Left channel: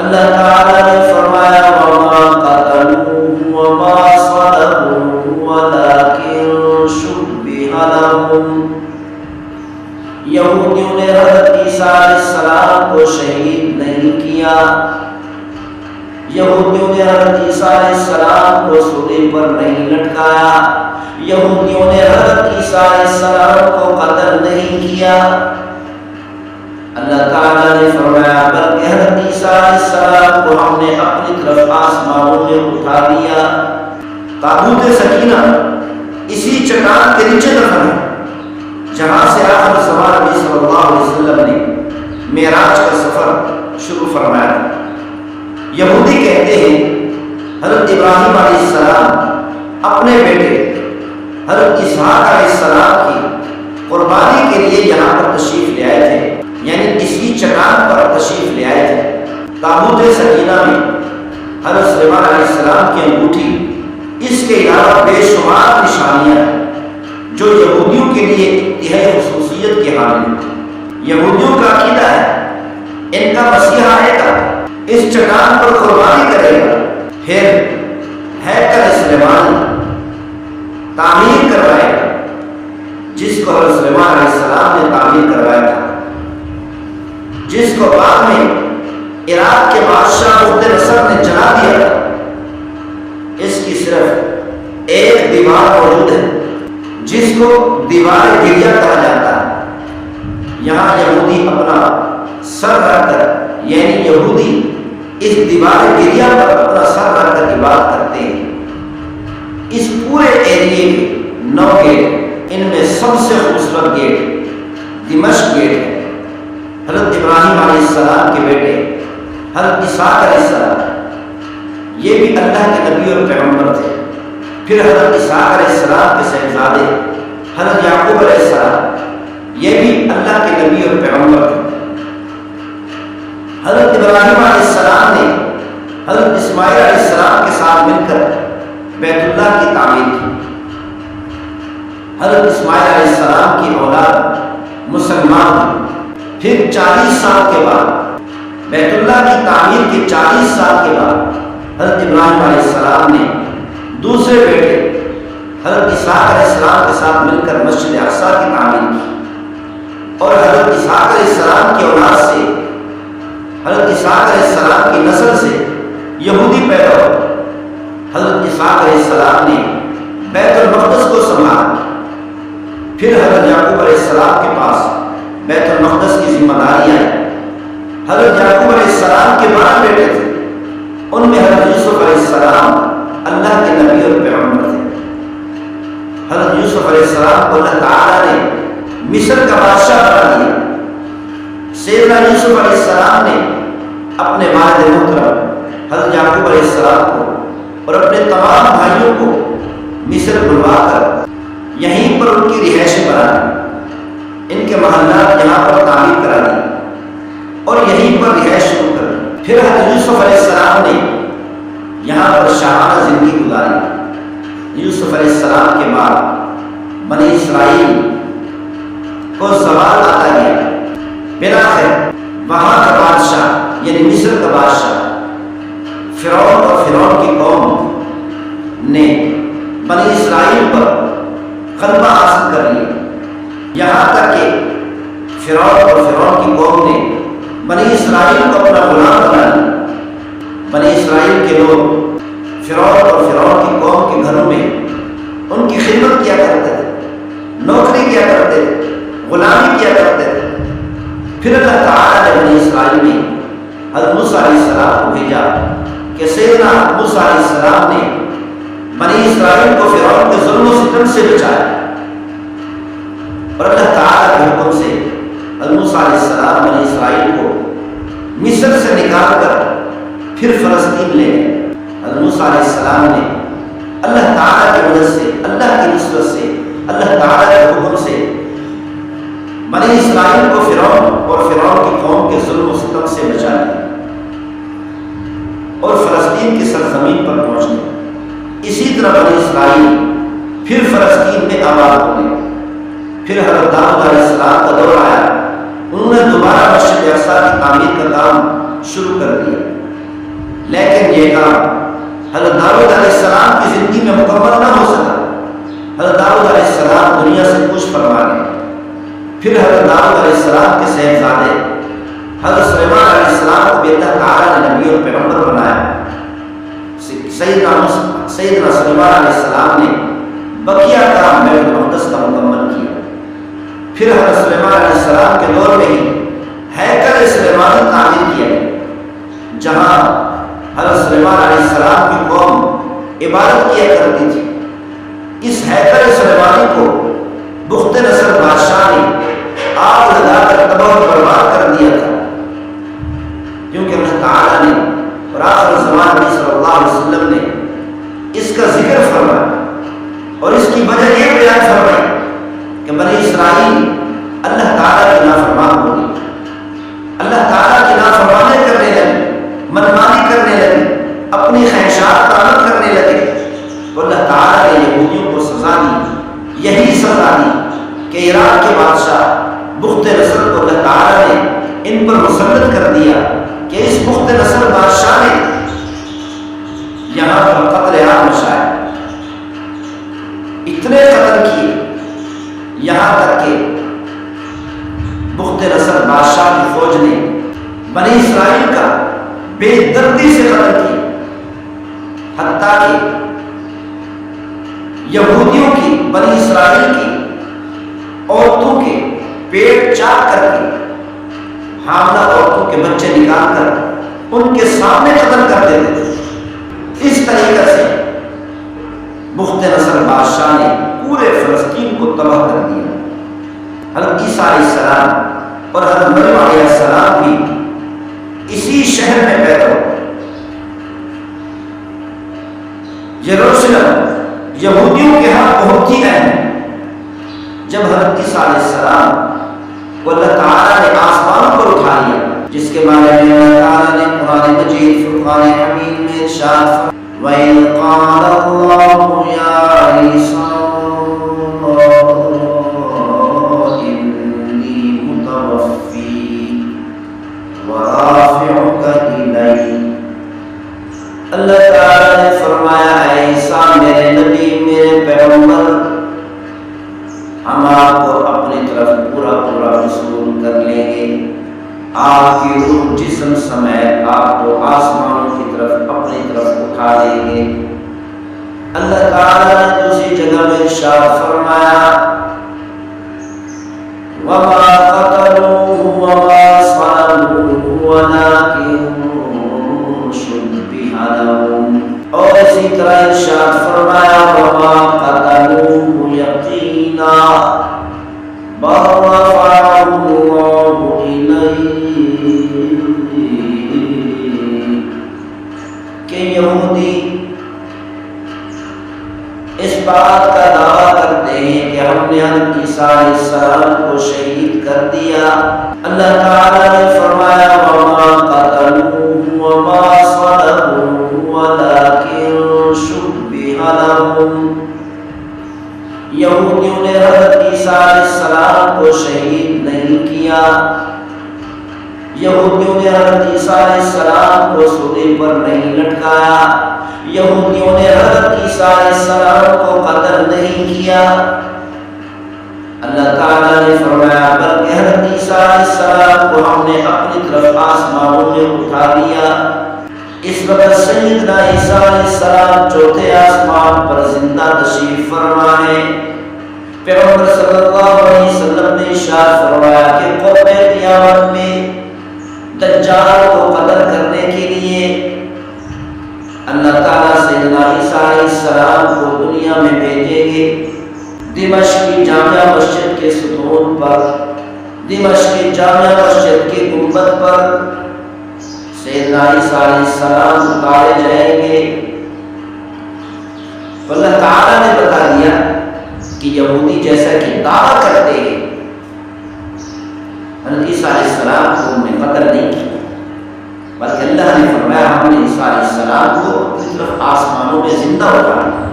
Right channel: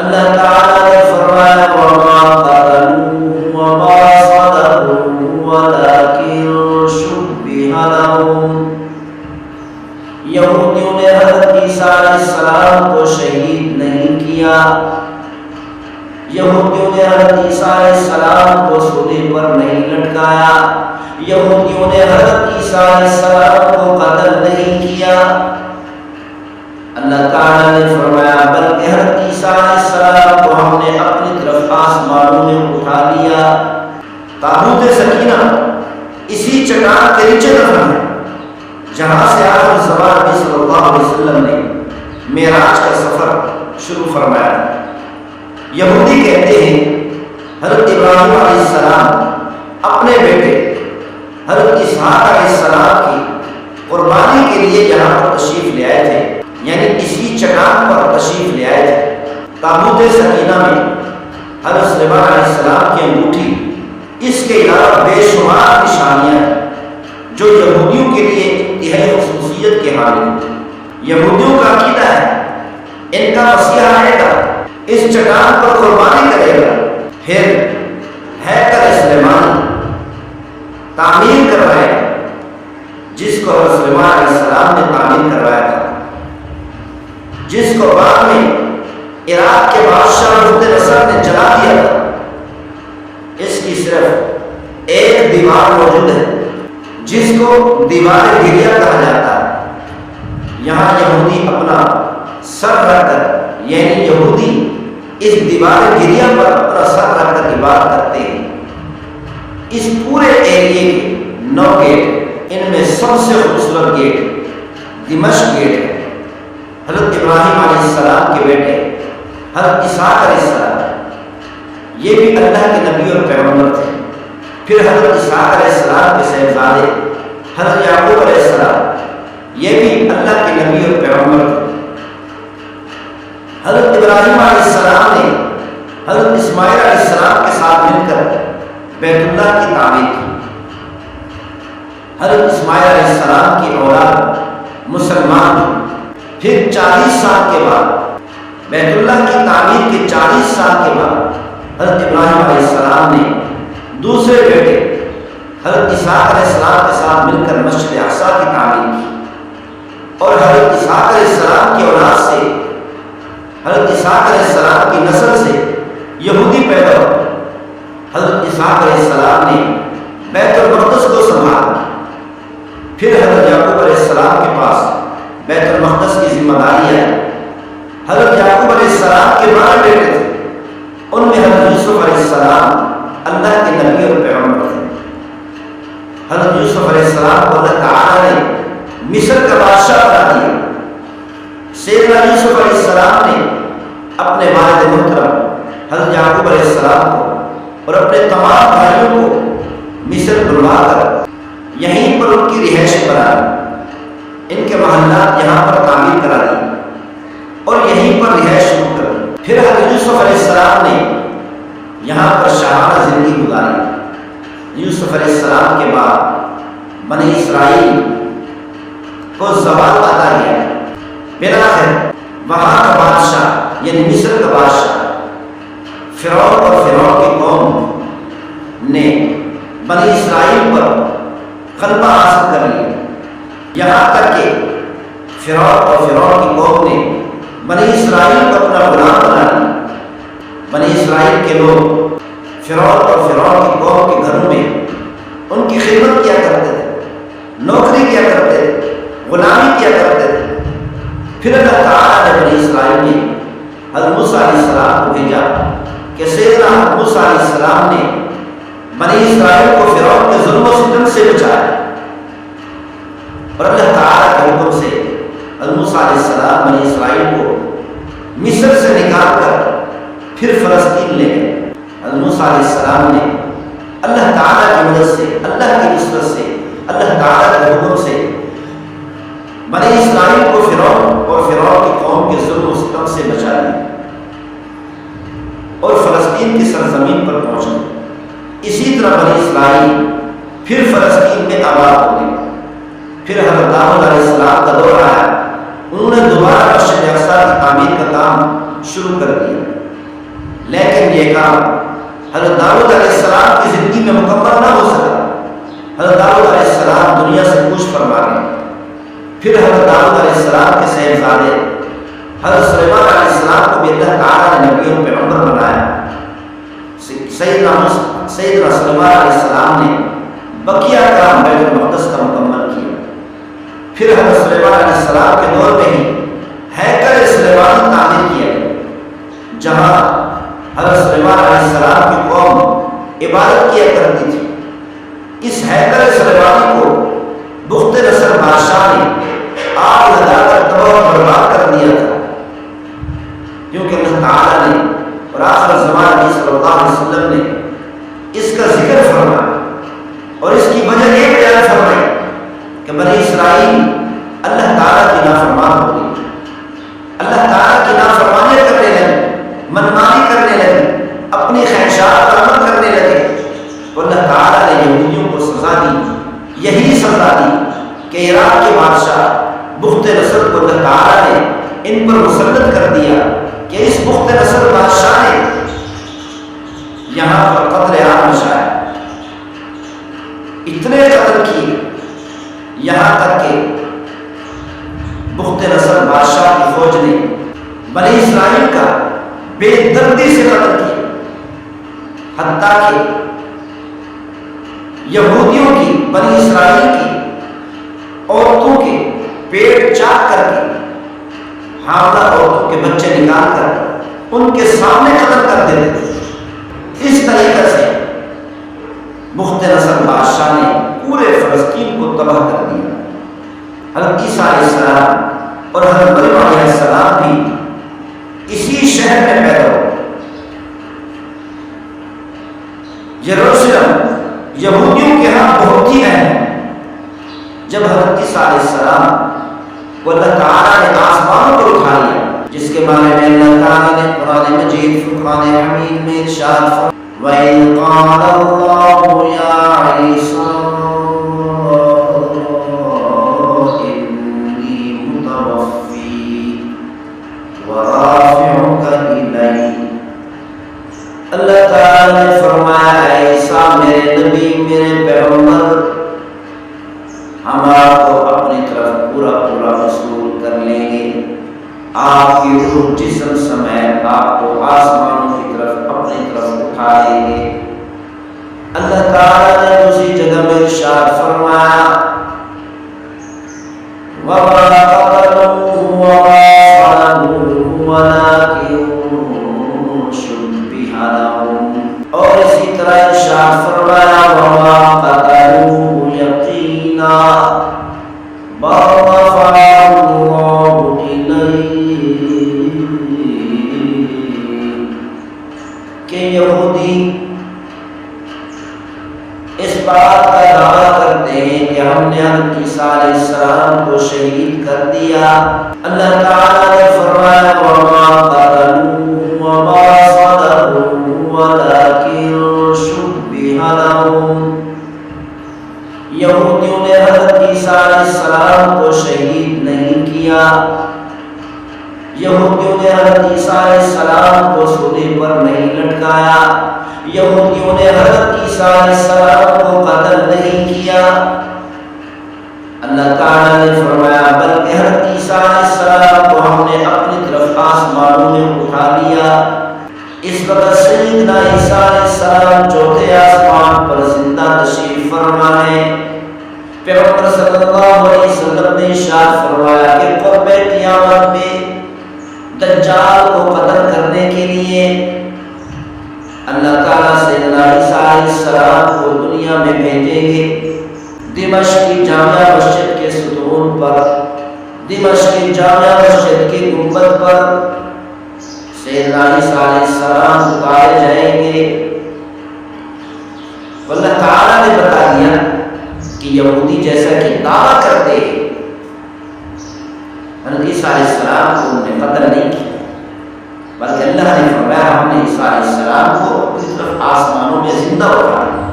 اللہ تعالیٰ نے فرمایا وما قتلوه وما صلبوه ولكن شبه لهم، یہودیوں نے حضرت عیسیٰ علیہ السلام کو شہید نہیں کیا، یہودیوں نے حضرت عیسیٰ علیہ السلام کو صلیب پر نہیں لٹکایا، یہودیوں نے حضرت عیسیٰ علیہ السلام کو قتل نہیں کیا۔ اللہ تعالیٰ نے فرمایا بلکہ حضرت عیسیٰ علیہ السلام کو ہم نے اپنی طرف آسمانوں میں اٹھا لیا۔ تابوت سکینہ اسی چٹان کے نیچے دفن ہے جہاں سے آخر زمان نبی صلی اللہ علیہ وسلم نے معراج کا سفر شروع فرمایا تھا۔ یہودی کہتے ہیں حضرت ابراہیم علیہ السلام اپنے بیٹے حضرت اسحاق علیہ السلام کی قربانی کے لیے یہاں پر تشریف لے آئے تھے، یعنی اسی چٹان پر تشریف لے آئے تھے۔ تابوت سکینہ میں حضرت سلیمان علیہ السلام کی انگوٹھی، اس کے علاوہ بے شمار نشانیاں ہیں جو یہودیوں کے لیے انتہائی خصوصیت کے حامل ہیں۔ یہودیوں کا عقیدہ ہے ان کا مسیح آئے گا، اس چٹان پر قربانی کرے گا، پھر ہیکل سلیمانی تعمیر کروائے گا، جس کو حضرت سلیمان علیہ السلام نے تعمیر کروایا تھا، جس کو بعد میں عراق کے بادشاہ بخت نصر نے جلا دیا تھا۔ اس کی صرف ایک دیوار موجود ہے جس کو دیوار گریا کہا جاتا ہے۔ یہاں یہودی اپنا سر رکھ کر، یعنی یہودی اس دیوار گریا پر اپنا سر رکھ کر عبادت کرتے ہیں۔ اس پورے ایریے کے 9 گیٹ، ان میں سب سے خوبصورت گیٹ دمشق گیٹ ہے۔ حضرت ابراہیم علیہ السلام کے بیٹے حضرت اسحاق علیہ السلام، یہ بھی اللہ کے نبی اور پیغمبر تھے۔ پھر حضرت اسحاق علیہ السلام کے صاحبزادے حضرت یعقوب علیہ السلام، یہ بھی اللہ کے نبی اور پیغمبر تھے۔ حضرت ابراہیم علیہ السلام نے حضرت اسماعیل علیہ السلام کے ساتھ مل کر بیت اللہ کی تعمیر کی۔ حضرت اسماعیل علیہ السلام کی اولاد مسلمان ہوئی۔ پھر 40 سال کے بعد بیت اللہ کی تعمیر کے 40 سال کے بعد حضرت ابراہیم علیہ السلام نے دوسرے بیٹے حضرت اسحاق علیہ السلام کے ساتھ مل کر مسجد اقصیٰ کی تعمیر کی، اور حضرت اسحاق علیہ السلام کی اولاد سے، حضرت اسحاق علیہ السلام کی نسل سے یہودی پیدا ہوئے۔ حضرت اسحاق علیہ السلام نے بیت المقدس کو سنبھالا۔ پھر حضرت یعقوب علیہ السلام کے پاس بیت المقدس کی ذمہ داری آئی۔ حضرت یعقوب علیہ السلام کے 12 بیٹے تھے، ان میں حضرت یوسف علیہ السلام اللہ کے نبی اور پیغمبر تھے۔ حضرت یوسف علیہ السلام کو اللہ تعالیٰ نے مصر کا بادشاہ بنا دیا۔ سیدنا یوسف علیہ السلام نے اپنے والد محترم حضرت یعقوب علیہ السلام کو اور اپنے تمام بھائیوں کو مصر بلوا کر یہیں پر ان کی رہائشیں بنا دی، ان کے محلات یہاں پر تعمیر کرا دی اور یہیں پر رہائش شروع کر دی۔ پھر حضرت یوسف علیہ السلام نے یہاں پر شاہانہ زندگی گزاری۔ یوسف علیہ السلام کے بعد بنی اسرائیل کو زوال آتا گیا۔ بلاخر وہاں کا بادشاہ یعنی مصر کا بادشاہ فرعون اور فرعون کی قوم نے بنی اسرائیل پر غلبہ حاصل کر لیا، یہاں تک کہ فرعون اور فرعون کی قوم نے بنی اسرائیل کو اپنا غلام بنا لیا۔ بنی اسرائیل کے لوگ فرعون اور فرعون کی قوم کے گھروں میں ان کی خدمت کیا کرتے تھے، نوکری کیا کرتے تھے، غلامی کیا کرتے تھے۔ پھر اللہ تعالیٰ نے بنی اسرائیل میں حضرت موسیٰ علیہ السلام کو بھیجا کہ سیدنا موسیٰ علیہ السلام نے بنی اسرائیل کو فرعون کے ظلم و ستم سے بچایا، اور اللہ تعالیٰ کے حکم سے حضرت موسیٰ علیہ السلام بنی اسرائیل کو مصر سے نکال کر پھر فلسطین لے گئے۔ حضرت موسیٰ علیہ السلام نے اللہ تعالیٰ کی مدد سے، اللہ کی نصرت سے، اللہ تعالیٰ کے حکم سے بنی اسرائیل کو فرعون اور فرعون کی قوم کے ظلم و ستم سے بچا لیا اور فلسطین کی سرزمین پر پہنچ گئے۔ اسی طرح بنی اسرائیل پھر فلسطین میں آباد ہو گئے۔ پھر حضرت داؤد علیہ السلام کا دور آیا، انہوں نے دوبارہ مسجد اقصیٰ کی تعمیر کا کام شروع کر دیا۔ لیکن یہ کام حضرت داؤد علیہ السلام کی زندگی میں مکمل نہ ہو سکا۔ حضرت داؤد علیہ السلام دنیا سے کوچ فرما گئے۔ پھر حضرت داؤد علیہ السلام کے صاحبزادے حضرت سلیمان علیہ السلام کو بھی اللہ تعالیٰ نے نبی اور پیغمبر بنایا۔ سیدنا سلیمان علیہ السلام نے بقیہ کام بیت المقدس کا مکمل کیا۔ پھر حضرت سلیمان علیہ السلام کے دور میں ہی ہیکل سلیمانی تعمیر کیا گیا، جہاں حضرت سلیمان علیہ السلام کی قوم عبادت کیا کرتی تھی۔ اس ہیکل سلیمانی کو بخت نصر بادشاہ نے آگ لگا کر تباہ و برباد کر دیا تھا، کیونکہ اللہ تعالیٰ نے اور آخر الزمان نبی صلی اللہ علیہ وسلم نے اس کا ذکر فرمایا اور اس کی وجہ یہ بیان فرمائی کہ بنی اسرائیل اللہ تعالیٰ کی نافرمان ہو گئی، اللہ تعالیٰ کی نافرمانی کرنے لگے، منمانی کرنے لگے، اپنی خواہشات پر عمل کرنے لگے، تو اللہ تعالیٰ نے یہودیوں کو سزا دی۔ یہی سزا دی کہ عراق کے بادشاہ بخت نصر کو اللہ تعالیٰ نے ان پر مسلط کر دیا کہ اس بخت نصر بادشاہ نے یہاں پر قتل عام مچایا، اتنے قتل کیے یہاں تک کہ بخت نصر بادشاہ کی فوج نے بنی اسرائیل کا بے دردی سے قتل کیا، حتیٰ کہ یہودیوں کی بنی اسرائیل کی عورتوں کے پیٹ چاک کر کے حاملہ عورتوں کے بچے نکال کر ان کے سامنے قتل کر دیتے تھے۔ اس طریقے سے بخت نصر بادشاہ نے پورے فلسطین کو تباہ کر دیا۔ حضرت عیسیٰ علیہ السلام اور حضرت مریم علیہ السلام بھی اسی شہر میں پیدا ہوئے۔ یروشلم یہودیوں کے ہاں بہت ہی اہم ہے۔ جب حضرت عیسیٰ علیہ السلام کو اللہ تعالیٰ نے آسمانوں پر اٹھا لیا، جس کے بارے میں اللہ تعالیٰ نے قرآن مجید فرقان حمید میں ارشاد فرمایا وَإِذْ قَالَ اللَّهُ يَا عِيسَىٰ إِنِّي مُتَوَفِّيكَ وَرَافِعُكَ إِلَيَّ۔ اللہ تعالیٰ نے فرمایا اے عیسیٰ میرے نبی میرے پیغمبر، ہم آپ کو اپنی طرف پورا وصول کر لیں گے، آپ کی روح جسم سمیت آپ کو آسمانوں کی طرف اپنی طرف اٹھا لیں گے۔ اللہ تعالیٰ نے دوسری جگہ میں ارشاد فرمایا وَمَا قَتَلُوهُ وَمَا صَلَبُوهُ وَلَٰكِن شُبِّهَ لَهُمْ، اور اسی طرح ارشاد فرمایا وَمَا قَتَلُوهُ يَقِينًا بَلْ رَفَعَهُ اللَّهُ إِلَيْهِ، کہ یہودی اس بات کا دعویٰ کرتے ہیں کہ ہم نے حضرت عیسیٰ علیہ السلام کو شہید کر دیا۔ اللہ تعالیٰ نے فرمایا وَمَا قَتَلُوهُ وَمَا صَلَبُوهُ وَلَٰكِن شُبِّهَ لَهُمْ، یہودیوں نے حضرت عیسیٰ علیہ السلام کو شہید نہیں کیا، یہودیوں نے حضرت عیسیٰ علیہ السلام کو صلیب پر نہیں لٹکایا، یہودیوں نے حضرت عیسیٰ علیہ السلام کو قتل نہیں کیا۔ اللہ تعالیٰ نے فرمایا بلکہ حضرت عیسیٰ علیہ السلام کو ہم نے اپنی طرف آسمانوں میں اٹھا لیا۔ اس وقت سیدنا عیسیٰ علیہ السلام چوتھے آسمان پر زندہ تشریف فرما ہے۔ پیغمبر صلی اللہ علیہ وسلم نے ارشاد فرمایا کہ قرب قیامت میں دجال کو قتل کرنے کے لیے اللہ تعالیٰ سیدنا عیسیٰ علیہ السلام کو دنیا میں بھیجیں گے۔ دمشق کی جامع مسجد کے ستون پر، دمشق کی جامع مسجد کے گنبد پر سیدنا عیسیٰ علیہ السلام اتارے جائیں گے۔ تو اللہ تعالیٰ نے بتا دیا کہ یہودی جیسا کہ دعویٰ کرتے ہیں حضرت عیسیٰ علیہ السلام کو انہوں نے قتل نہیں کیا، بلکہ اللہ نے فرمایا ہم نے عیسیٰ علیہ السلام کو اپنی طرف آسمانوں میں زندہ اٹھا لیا۔